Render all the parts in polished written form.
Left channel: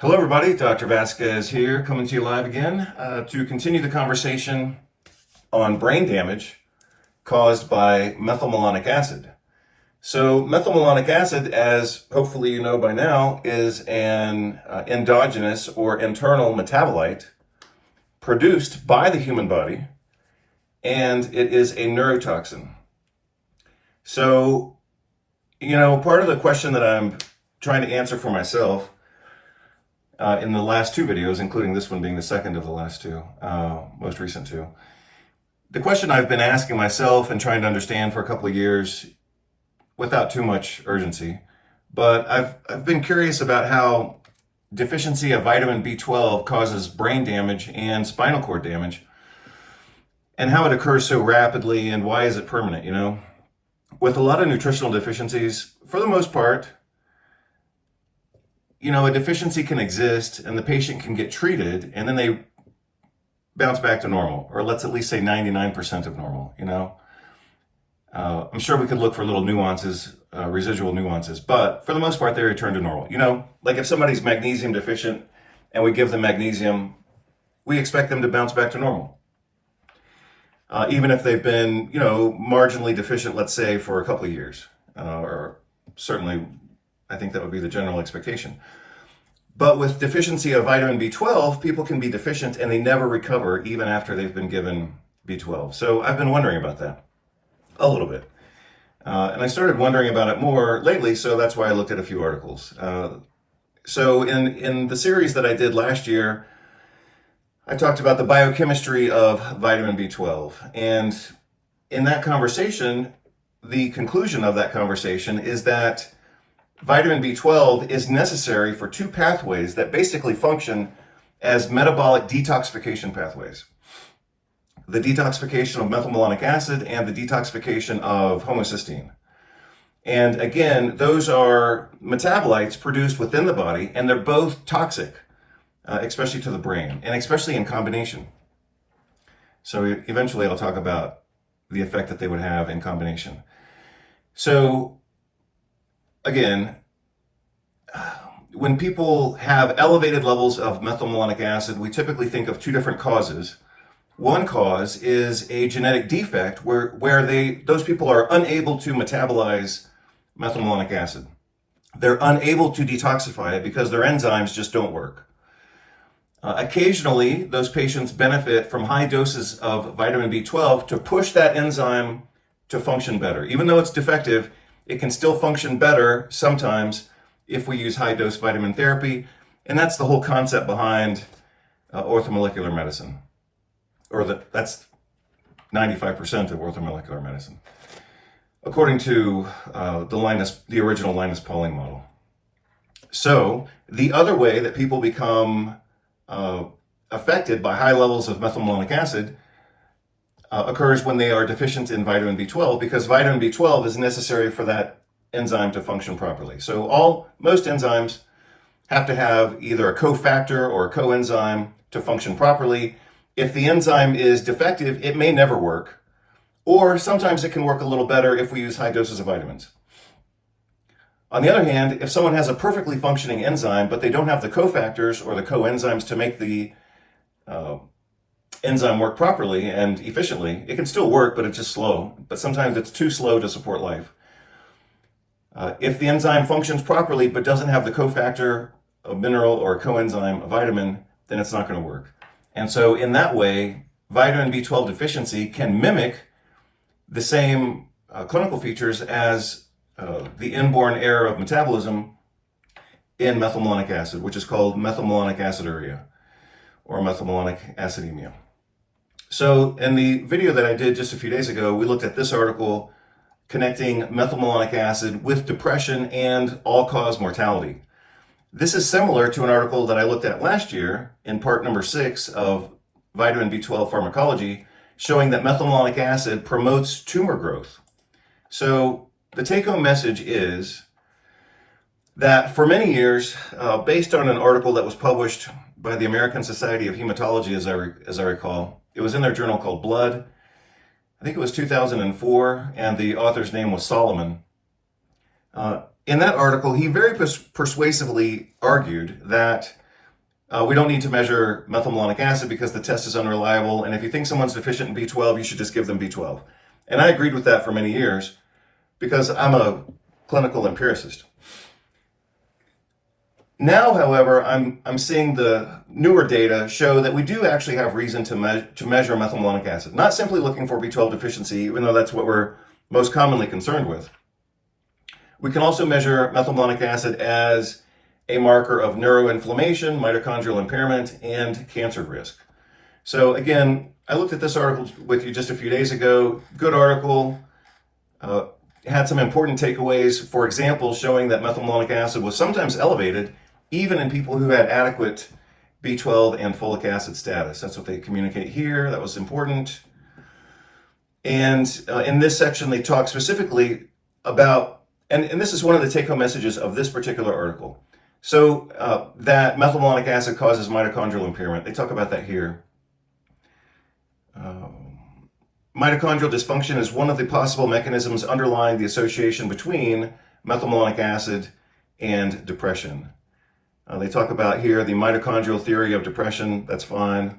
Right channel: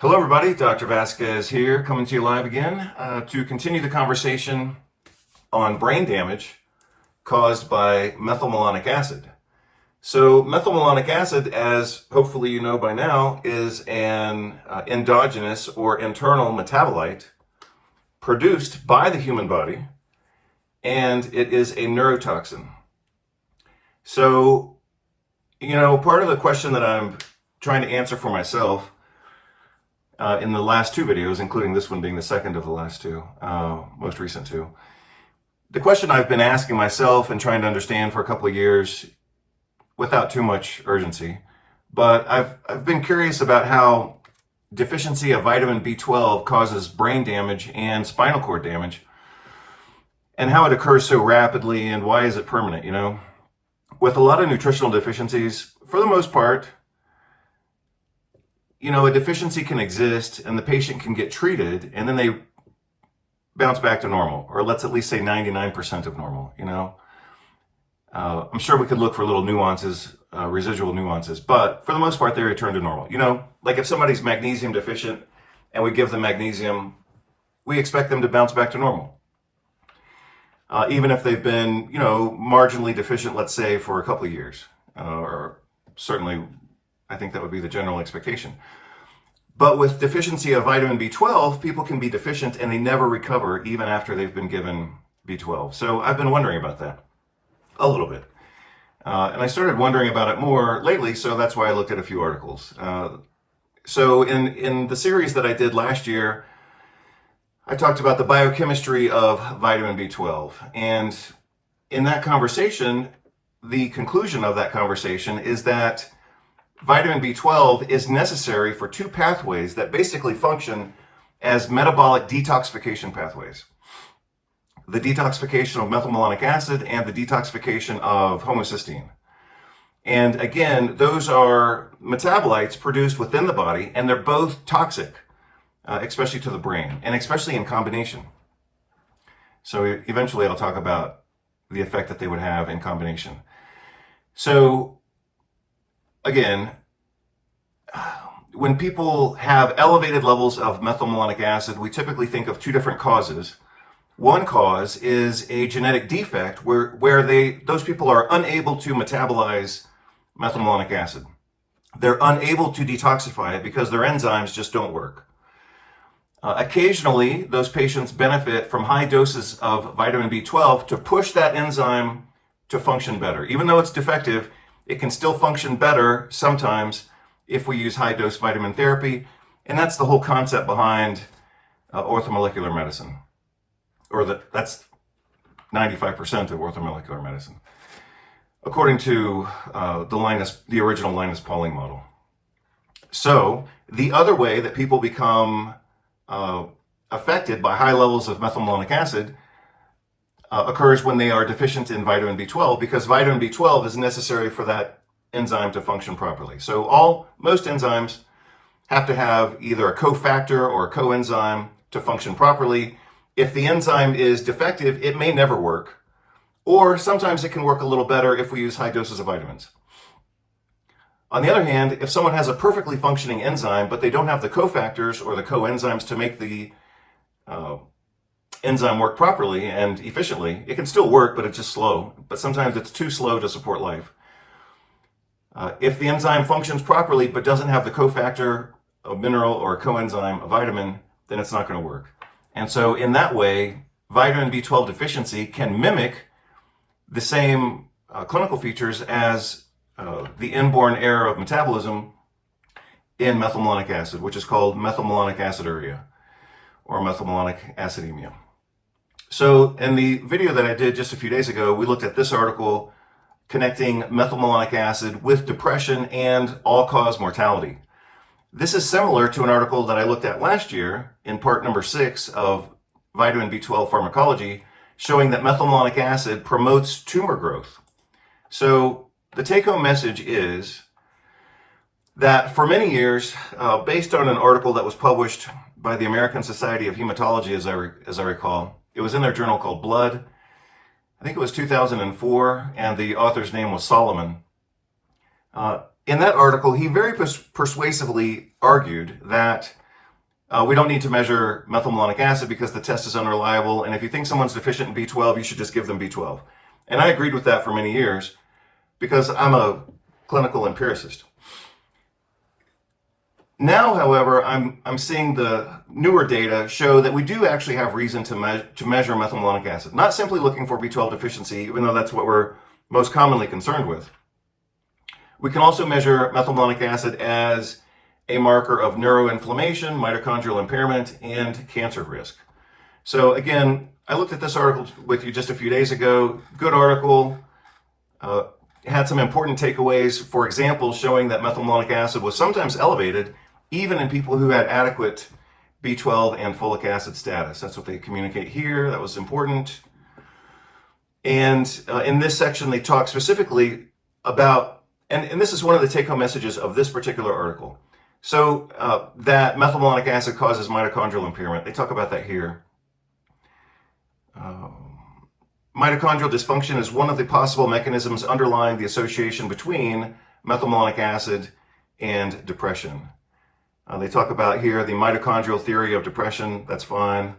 Hello, everybody. Dr. Vasquez here, coming to you live again to continue the conversation on brain damage caused by methylmalonic acid. So, methylmalonic acid, as hopefully you know by now, is an endogenous or internal metabolite produced by the human body, and it is a neurotoxin. So, part of the question that I'm trying to answer for myself in the last two videos, including this one being the second of the last two, most recent two. The question I've been asking myself and trying to understand for a couple of years without too much urgency, but I've been curious about how deficiency of vitamin B12 causes brain damage and spinal cord damage, and how it occurs so rapidly and why is it permanent. With a lot of nutritional deficiencies, for the most part, a deficiency can exist and the patient can get treated and then they bounce back to normal, or let's at least say 99% of normal. I'm sure we could look for little nuances, residual nuances, but for the most part, they return to normal. Like if somebody's magnesium deficient and we give them magnesium, we expect them to bounce back to normal. Even if they've been, marginally deficient, let's say, for a couple of years, or certainly I think that would be the general expectation. But with deficiency of vitamin B12, people can be deficient and they never recover even after they've been given B12. So I've been wondering about that a little bit. And I started wondering about it more lately, so that's why I looked at a few articles. So in the series that I did last year, I talked about the biochemistry of vitamin B12. And in that conversation, the conclusion of that conversation is that vitamin B12 is necessary for two pathways that basically function as metabolic detoxification pathways. The detoxification of methylmalonic acid and the detoxification of homocysteine. And again, those are metabolites produced within the body, and they're both toxic, especially to the brain, and especially in combination. So eventually I'll talk about the effect that they would have in combination. So again, when people have elevated levels of methylmalonic acid, we typically think of two different causes. One cause is a genetic defect where those people are unable to metabolize methylmalonic acid. They're unable to detoxify it because their enzymes just don't work. Occasionally, those patients benefit from high doses of vitamin B12 to push that enzyme to function better. Even though it's defective, it can still function better sometimes if we use high-dose vitamin therapy, and that's the whole concept behind orthomolecular medicine, or that's 95% of orthomolecular medicine, according to the original Linus Pauling model. So the other way that people become affected by high levels of methylmalonic acid occurs when they are deficient in vitamin B12, because vitamin B12 is necessary for that enzyme to function properly. So most enzymes have to have either a cofactor or a coenzyme to function properly. If the enzyme is defective, it may never work, or sometimes it can work a little better if we use high doses of vitamins. On the other hand, if someone has a perfectly functioning enzyme, but they don't have the cofactors or the coenzymes to make the enzyme work properly and efficiently, it can still work, but it's just slow. But sometimes it's too slow to support life. If the enzyme functions properly but doesn't have the cofactor, a mineral, or a coenzyme, a vitamin, then it's not going to work. And so in that way, vitamin B12 deficiency can mimic the same clinical features as the inborn error of metabolism in methylmalonic acid, which is called methylmalonic aciduria or methylmalonic acidemia. So in the video that I did just a few days ago, we looked at this article connecting methylmalonic acid with depression and all-cause mortality. This is similar to an article that I looked at last year in part number 6 of vitamin B12 pharmacology, showing that methylmalonic acid promotes tumor growth. So the take-home message is that for many years, based on an article that was published by the American Society of Hematology, as I recall, it was in their journal called Blood. I think it was 2004, and the author's name was Solomon. In that article, he very persuasively argued that We don't need to measure methylmalonic acid because the test is unreliable. And if you think someone's deficient in B12, you should just give them B12. And I agreed with that for many years because I'm a clinical empiricist. Now, however, I'm seeing the newer data show that we do actually have reason to measure methylmalonic acid. Not simply looking for B12 deficiency, even though that's what we're most commonly concerned with. We can also measure methylmalonic acid as a marker of neuroinflammation, mitochondrial impairment, and cancer risk. So again, I looked at this article with you just a few days ago. Good article. Had some important takeaways, for example, showing that methylmalonic acid was sometimes elevated even in people who had adequate B12 and folic acid status. That's what they communicate here. That was important. And in this section, they talk specifically about, and this is one of the take-home messages of this particular article. So that methylmalonic acid causes mitochondrial impairment. They talk about that here. Mitochondrial dysfunction is one of the possible mechanisms underlying the association between methylmalonic acid and depression. They talk about here the mitochondrial theory of depression. That's fine.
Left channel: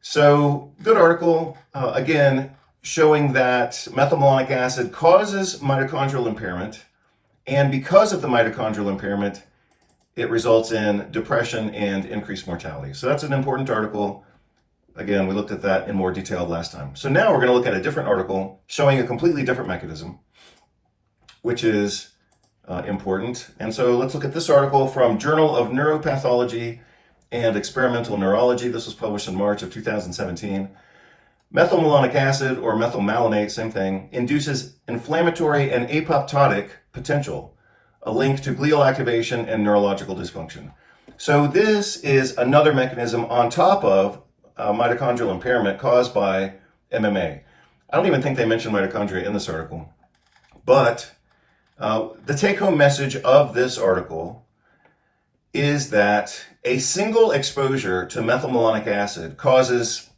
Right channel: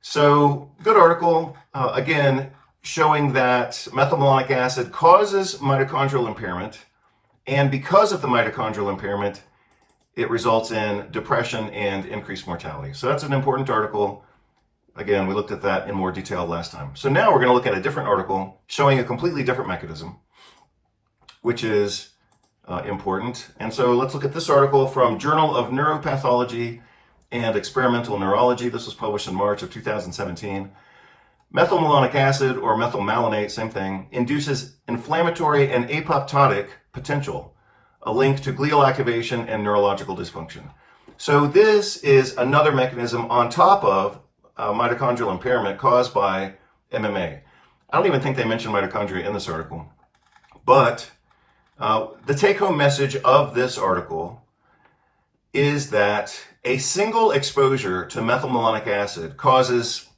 So good article, again, showing that methylmalonic acid causes mitochondrial impairment. And because of the mitochondrial impairment, it results in depression and increased mortality. So that's an important article. Again, we looked at that in more detail last time. So now we're going to look at a different article showing a completely different mechanism, which is important. And so let's look at this article from Journal of Neuropathology and Experimental Neurology. This was published in March of 2017. Methylmalonic acid, or methylmalonate, same thing, induces inflammatory and apoptotic potential, a link to glial activation and neurological dysfunction. So this is another mechanism on top of mitochondrial impairment caused by MMA. I don't even think they mentioned mitochondria in this article, but the take-home message of this article is that a single exposure to methylmalonic acid causes,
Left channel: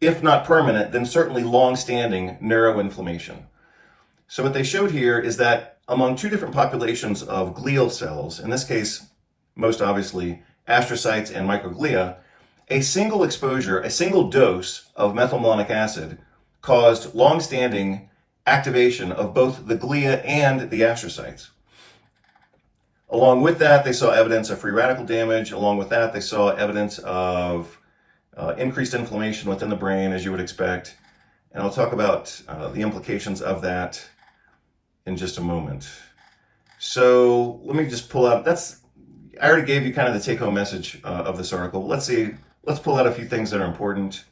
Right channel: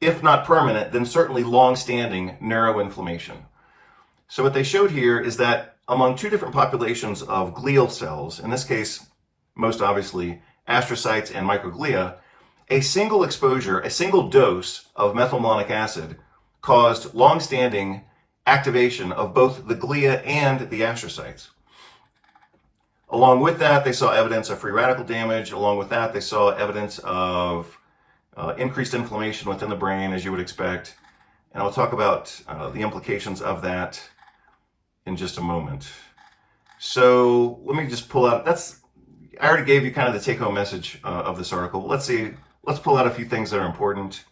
if not permanent, then certainly long-standing neuroinflammation. So what they showed here is that among two different populations of glial cells, in this case, most obviously astrocytes and microglia, a single exposure, a single dose of methylmalonic acid caused long-standing activation of both the glia and the astrocytes. Along with that, they saw evidence of free radical damage. Along with that, they saw evidence of increased inflammation within the brain, as you would expect. And I'll talk about the implications of that in just a moment. So let me just pull out, I already gave you kind of the take-home message of this article. Let's pull out a few things that are important.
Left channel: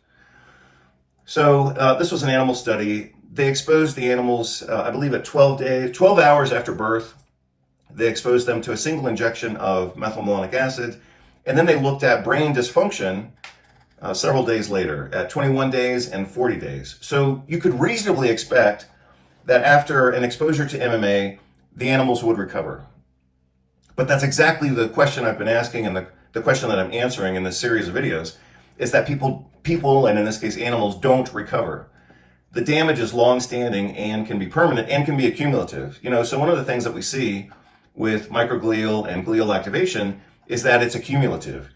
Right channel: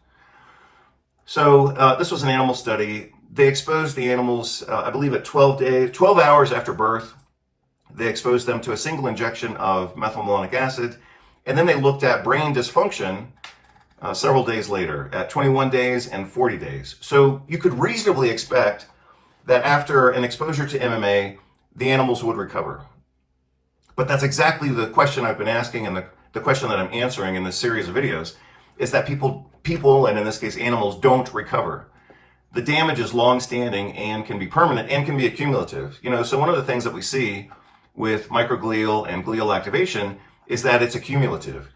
So this was an animal study. They exposed the animals, I believe at 12 hours after birth. They exposed them to a single injection of methylmalonic acid, and then they looked at brain dysfunction several days later, at 21 days and 40 days. So you could reasonably expect that after an exposure to MMA, the animals would recover. But that's exactly the question I've been asking, and the question that I'm answering in this series of videos is that people, and in this case animals, don't recover. The damage is long-standing and can be permanent and can be accumulative. So one of the things that we see with microglial and glial activation is that it's accumulative.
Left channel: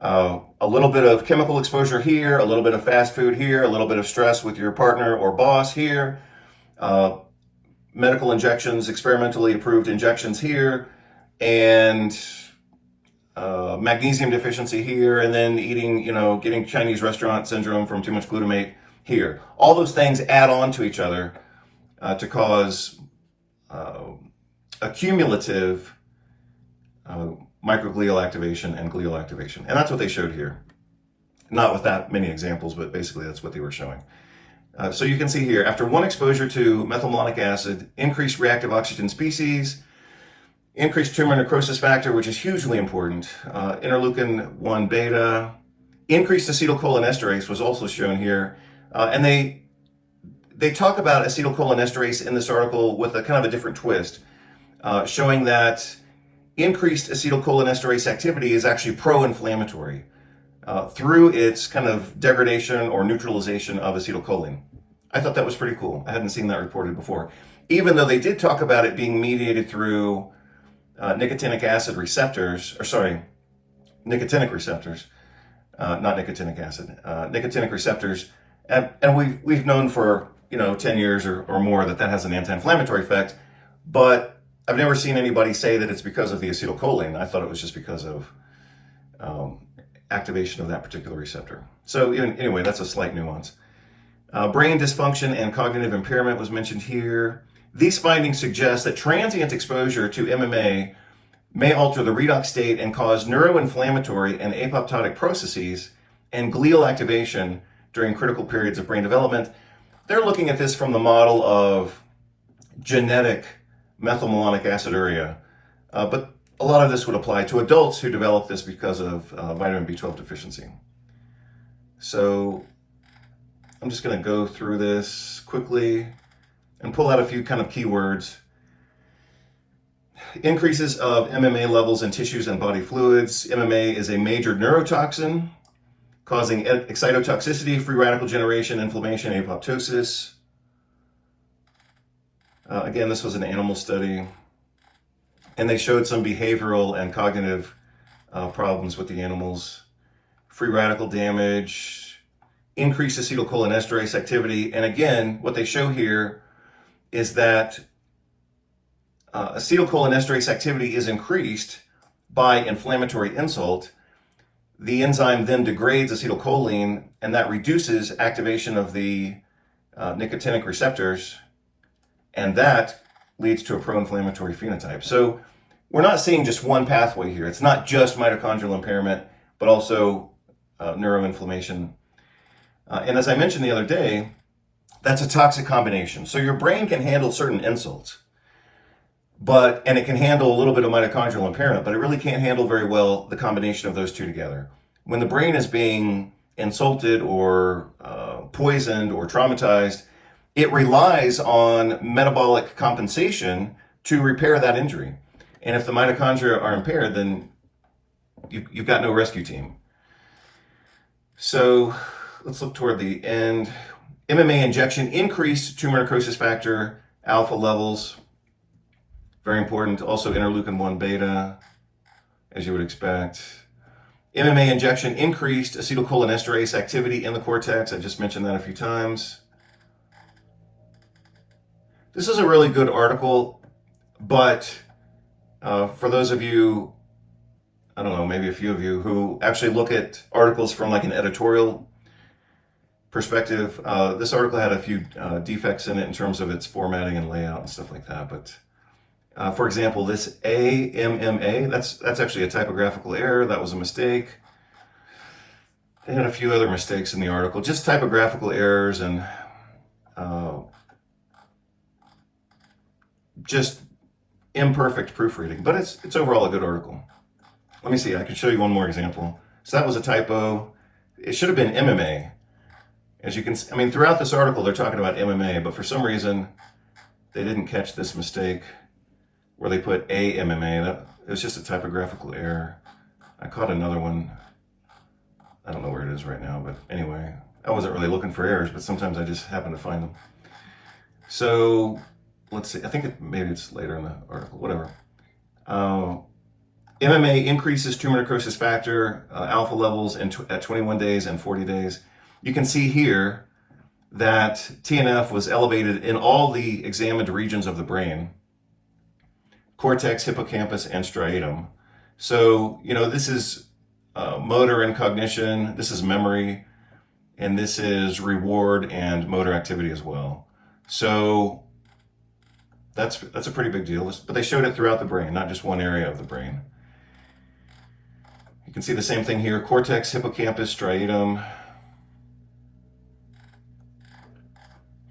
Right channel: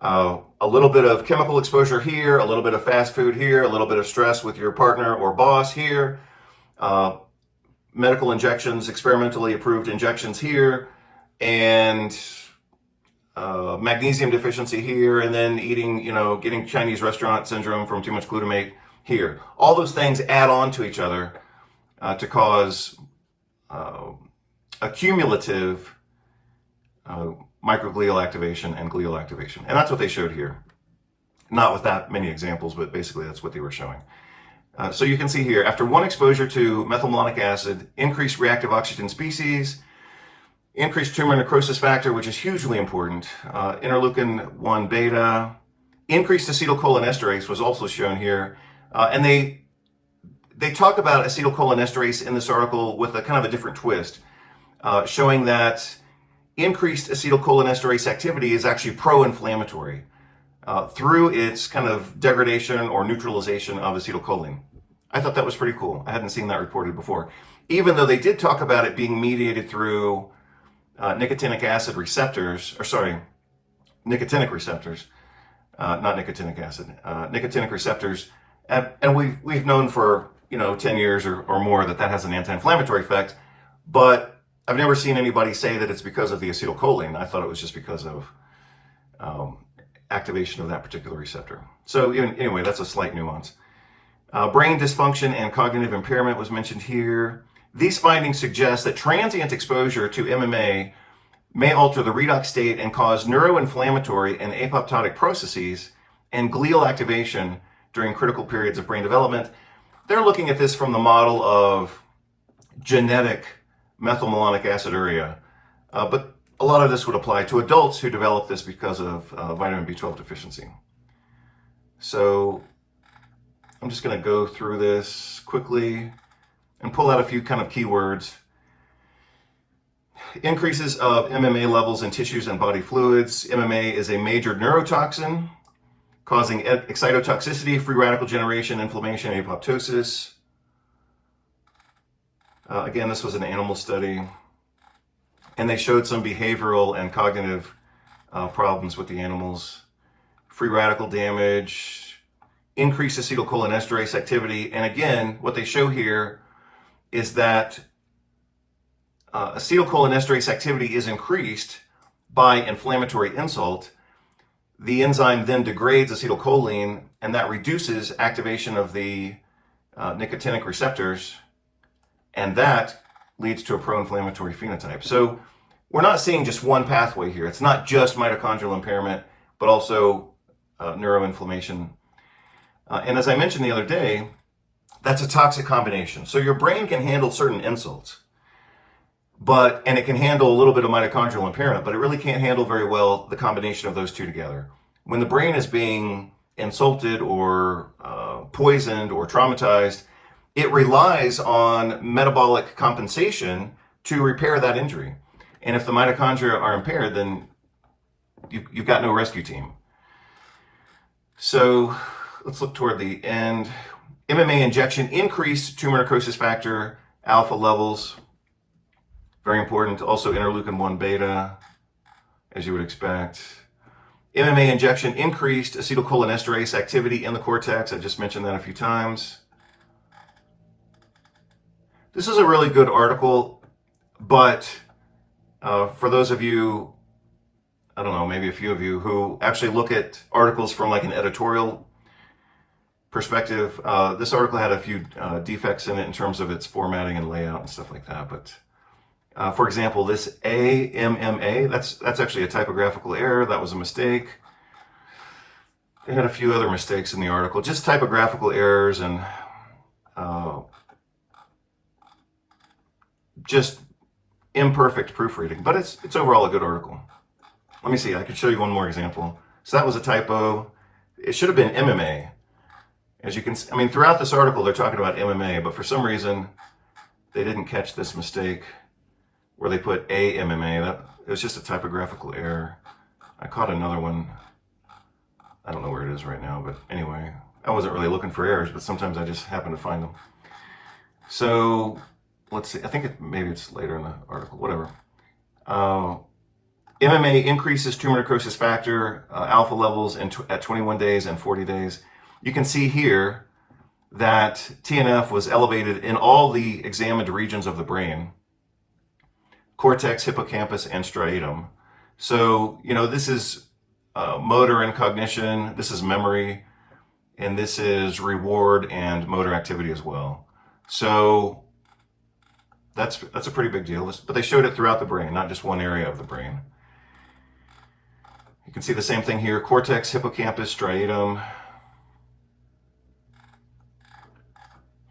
A little bit of chemical exposure here, a little bit of fast food here, a little bit of stress with your partner or boss here, medical injections, experimentally approved injections here, and magnesium deficiency here, and then getting Chinese restaurant syndrome from too much glutamate here. All those things add on to each other to cause accumulative microglial activation and glial activation. And that's what they showed here. Not with that many examples, but basically that's what they were showing. So you can see here, after one exposure to methylmalonic acid, increased reactive oxygen species, increased tumor necrosis factor, which is hugely important, interleukin-1 beta, increased acetylcholinesterase was also shown here. And they talk about acetylcholinesterase in this article with a kind of a different twist, showing that increased acetylcholinesterase activity is actually pro-inflammatory through its kind of degradation or neutralization of acetylcholine. I thought that was pretty cool. I hadn't seen that reported before. Even though they did talk about it being mediated through nicotinic acid receptors, nicotinic receptors, not nicotinic acid, nicotinic receptors. And we've known for 10 years or more that has an anti-inflammatory effect, but I've never seen anybody say that it's because of the acetylcholine. I thought it was just because of activation of that particular receptor. So anyway, that's a slight nuance. Brain dysfunction and cognitive impairment was mentioned here. These findings suggest that transient exposure to MMA may alter the redox state and cause neuroinflammatory and apoptotic processes and glial activation during critical periods of brain development. They're looking at this from the model of genetic methylmalonic aciduria, but a lot of this would apply to adults who develop this because of vitamin B12 deficiency. So I'm just going to go through this quickly and pull out a few kind of keywords. Increases of MMA levels in tissues and body fluids. MMA is a major neurotoxin causing excitotoxicity, free radical generation, inflammation, apoptosis. Again, this was an animal study, and they showed some behavioral and cognitive problems with the animals. Free radical damage, increased acetylcholinesterase activity, and again, what they show here is that acetylcholinesterase activity is increased by inflammatory insult. The enzyme then degrades acetylcholine, and that reduces activation of the nicotinic receptors, and that leads to a pro-inflammatory phenotype. So we're not seeing just one pathway here. It's not just mitochondrial impairment, but also neuroinflammation. And as I mentioned the other day, that's a toxic combination. So your brain can handle certain insults, and it can handle a little bit of mitochondrial impairment, but it really can't handle very well the combination of those two together. When the brain is being insulted or poisoned or traumatized, it relies on metabolic compensation to repair that injury. And if the mitochondria are impaired, then you've got no rescue team. So let's look toward the end. MMA injection increased tumor necrosis factor alpha levels. Very important. Also interleukin 1 beta, as you would expect. MMA injection increased acetylcholinesterase activity in the cortex. I just mentioned that a few times. This is a really good article, but for those of you, I don't know, maybe a few of you who actually look at articles from like an editorial perspective, this article had a few defects in it in terms of its formatting and layout and stuff like that. But for example, this AMMA, that's actually a typographical error. That was a mistake. They had a few other mistakes in the article, just typographical errors and just imperfect proofreading. But it's overall a good article. Let me see, I can show you one more example. So that was a typo. It should have been MMA. As you can see, I mean, throughout this article, they're talking about MMA, but for some reason, they didn't catch this mistake where they put AMMA. It was just a typographical error. I caught another one. I don't know where it is right now, but anyway, I wasn't really looking for errors, but sometimes I just happen to find them. So let's see, I think maybe it's later in the article, whatever. MMA increases tumor necrosis factor alpha levels at 21 days and 40 days. You can see here that TNF was elevated in all the examined regions of the brain: cortex, hippocampus, and striatum. So, this is motor and cognition, this is memory, and this is reward and motor activity as well. So that's a pretty big deal, but they showed it throughout the brain, not just one area of the brain. You can see the same thing here: cortex, hippocampus, striatum.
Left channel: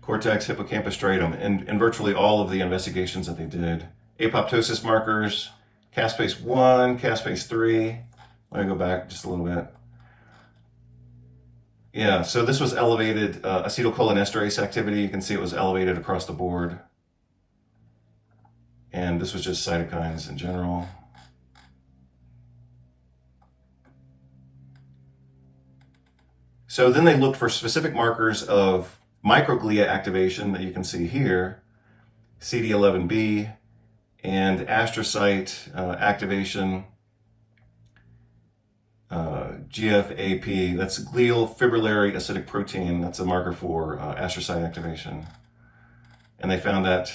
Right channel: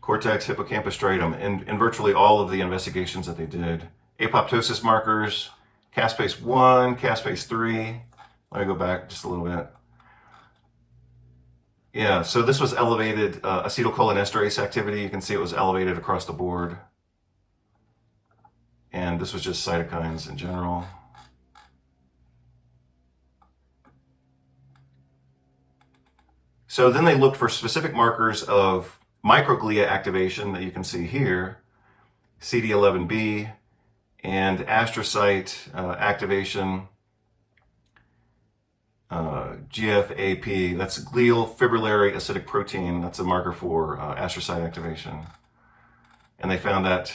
Cortex, hippocampus, striatum, in virtually all of the investigations that they did. Apoptosis markers, caspase 1, caspase 3. Let me go back just a little bit. Yeah, so this was elevated acetylcholinesterase activity. You can see it was elevated across the board. And this was just cytokines in general. So then they looked for specific markers of microglia activation that you can see here, CD11B, and astrocyte activation. GFAP, that's glial fibrillary acidic protein. That's a marker for astrocyte activation. And they found that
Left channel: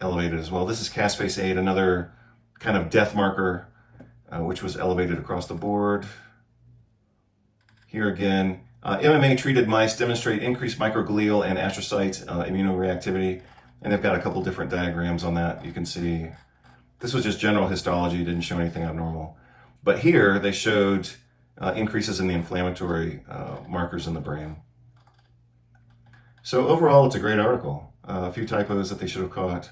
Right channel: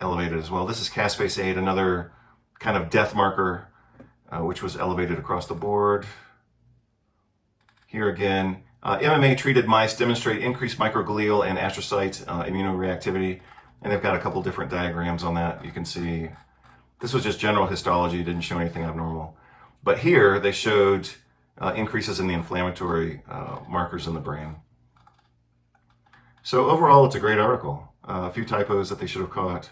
elevated as well. This is caspase 8, another kind of death marker, which was elevated across the board. Here again, MMA treated mice demonstrate increased microglial and astrocyte immunoreactivity. And they've got a couple different diagrams on that. You can see this was just general histology, didn't show anything abnormal. But here they showed increases in the inflammatory markers in the brain. So overall, it's a great article. A few typos that they should have caught.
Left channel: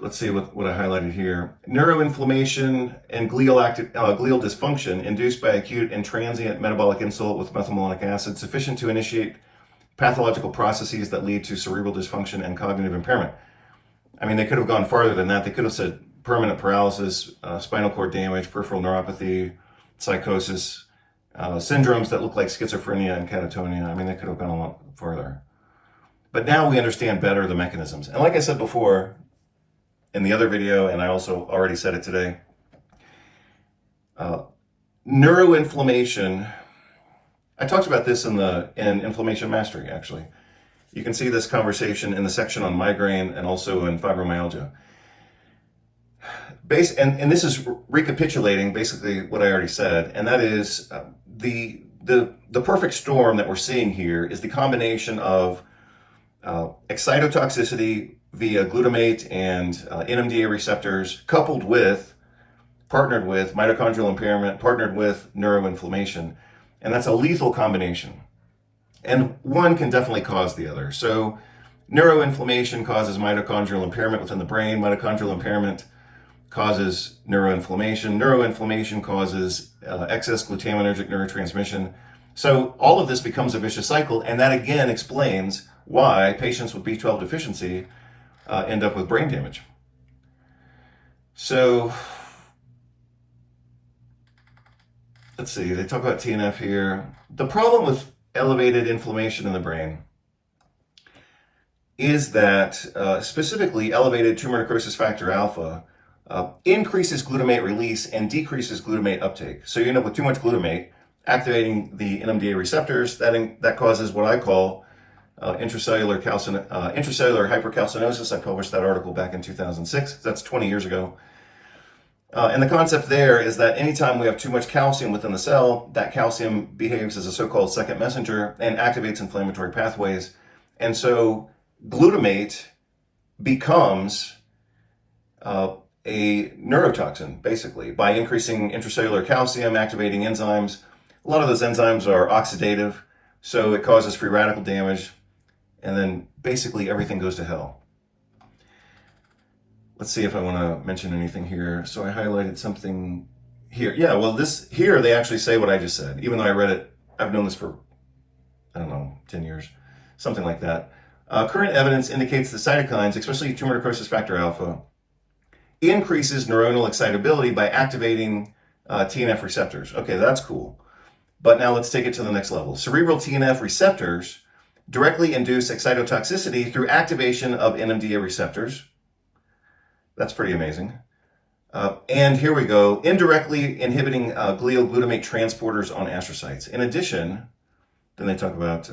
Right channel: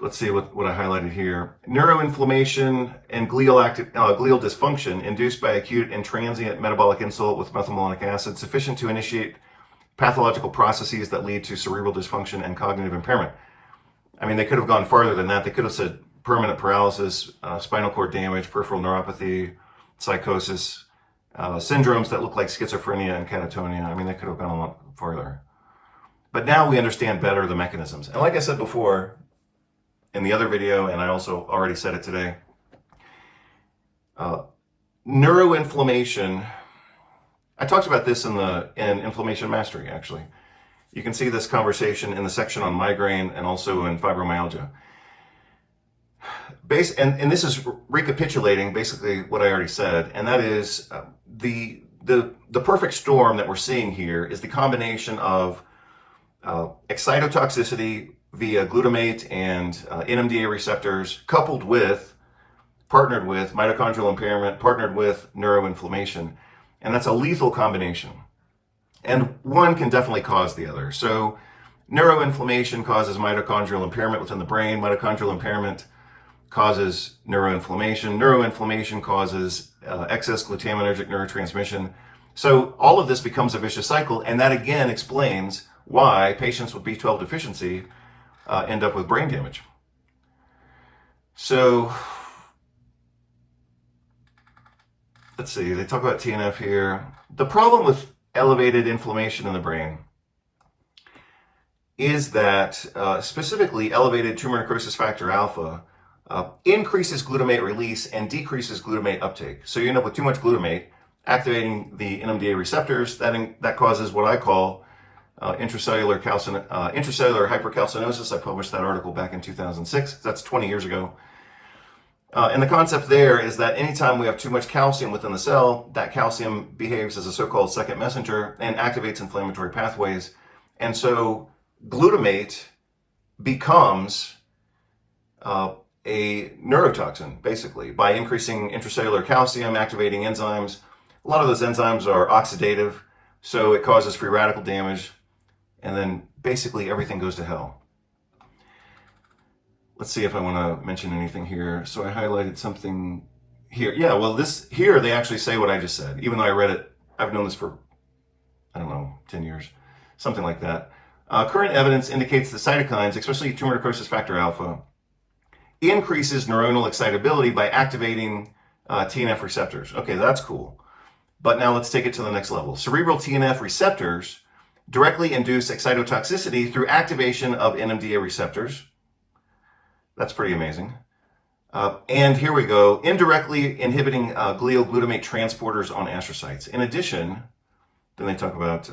Let's see what I highlighted here. Neuroinflammation and glial dysfunction induced by acute and transient metabolic insult with methylmalonic acid sufficient to initiate pathological processes that lead to cerebral dysfunction and cognitive impairment. I mean, they could have gone farther than that. They could have said permanent paralysis, spinal cord damage, peripheral neuropathy, psychosis, syndromes that look like schizophrenia and catatonia. I mean, they could have gone a lot farther. But now we understand better the mechanisms. And like I said before in the other video, and I also already said it today, neuroinflammation, I talked about this in Inflammation Mastery, actually. You can see this conversation in the section on migraine and also in fibromyalgia. And this is recapitulating basically what I already said, and that is the perfect storm that we're seeing here is the combination of excitotoxicity via glutamate and NMDA receptors partnered with mitochondrial impairment, partnered with neuroinflammation. And that's a lethal combination. And one can definitely cause the other. So neuroinflammation causes mitochondrial impairment within the brain. Mitochondrial impairment causes neuroinflammation. Neuroinflammation causes excess glutamatergic neurotransmission. So all of this becomes a vicious cycle. And that again explains why patients with B12 deficiency end up with brain damage. So let's see, they talk about TNF here. The problem with elevated inflammation in the brain is that specifically elevated tumor necrosis factor alpha increases glutamate release and decreases glutamate uptake. So you end up with too much glutamate activating the NMDA receptors. That causes what I call intracellular hypercalcinosis. I published that article back in 2006. That's 20 years ago. And the concept there is that anytime we have too much calcium within the cell, that calcium behaves as a so-called second messenger and activates inflammatory pathways. And so glutamate becomes a neurotoxin, basically, by increasing intracellular calcium, activating enzymes. A lot of those enzymes are oxidative, so it causes free radical damage, and then basically everything goes to hell. Let's see if I want to mention anything here. So I highlighted something here. Yeah, well, here they actually say what I just said, even though I read it. I've known this for, I don't know, 10 years, something like that. Current evidence indicates that cytokines, especially tumor necrosis factor alpha, increases neuronal excitability by activating TNF receptors. Okay, that's cool. But now let's take it to the next level. Cerebral TNF receptors directly induce excitotoxicity through activation of NMDA receptors. That's pretty amazing. And here we go, indirectly inhibiting glial glutamate transporters on astrocytes. In addition, then they talk about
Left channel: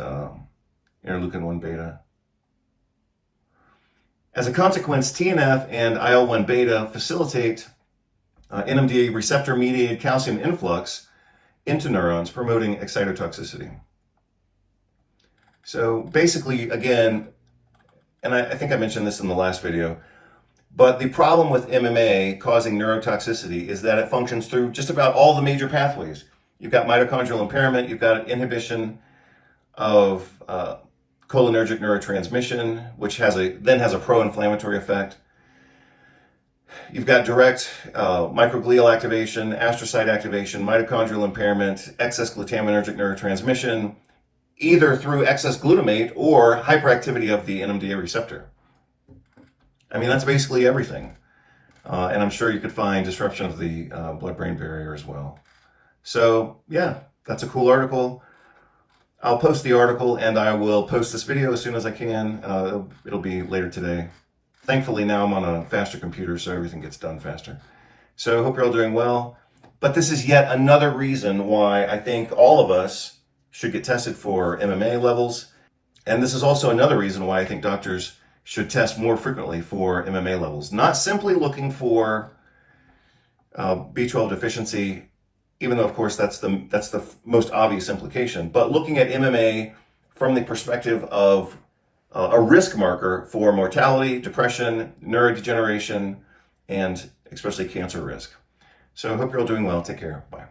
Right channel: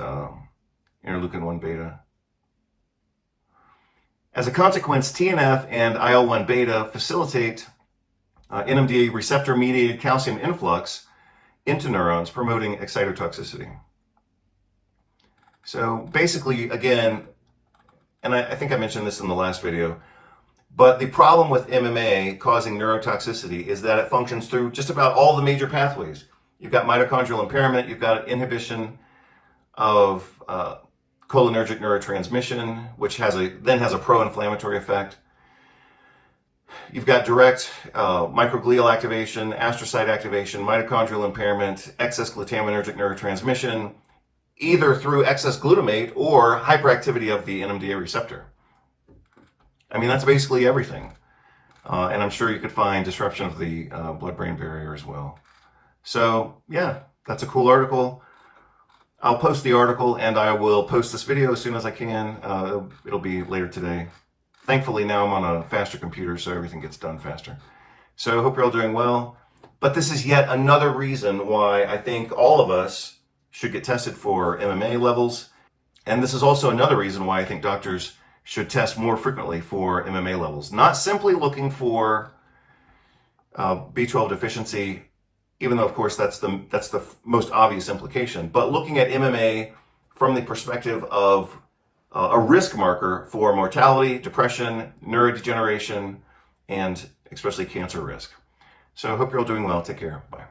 interleukin-1 beta. As a consequence, TNF and IL-1 beta facilitate NMDA receptor-mediated calcium influx into neurons, promoting excitotoxicity. So basically, again, and I think I mentioned this in the last video, but the problem with MMA causing neurotoxicity is that it functions through just about all the major pathways. You've got mitochondrial impairment, you've got inhibition of cholinergic neurotransmission, which then has a pro-inflammatory effect. You've got direct microglial activation, astrocyte activation, mitochondrial impairment, excess glutamatergic neurotransmission, either through excess glutamate or hyperactivity of the NMDA receptor. I mean, that's basically everything. And I'm sure you could find disruption of the blood-brain barrier as well. So yeah, that's a cool article. I'll post the article and I will post this video as soon as I can. It'll be later today. Thankfully now I'm on a faster computer, so everything gets done faster. So I hope you're all doing well. But this is yet another reason why I think all of us should get tested for MMA levels. And this is also another reason why I think doctors should test more frequently for MMA levels. Not simply looking for B12 deficiency, even though of course that's the most obvious implication, but looking at MMA from the perspective of a risk marker for mortality, depression, neurodegeneration, and especially cancer risk. So I hope you're all doing well. Take care. Bye.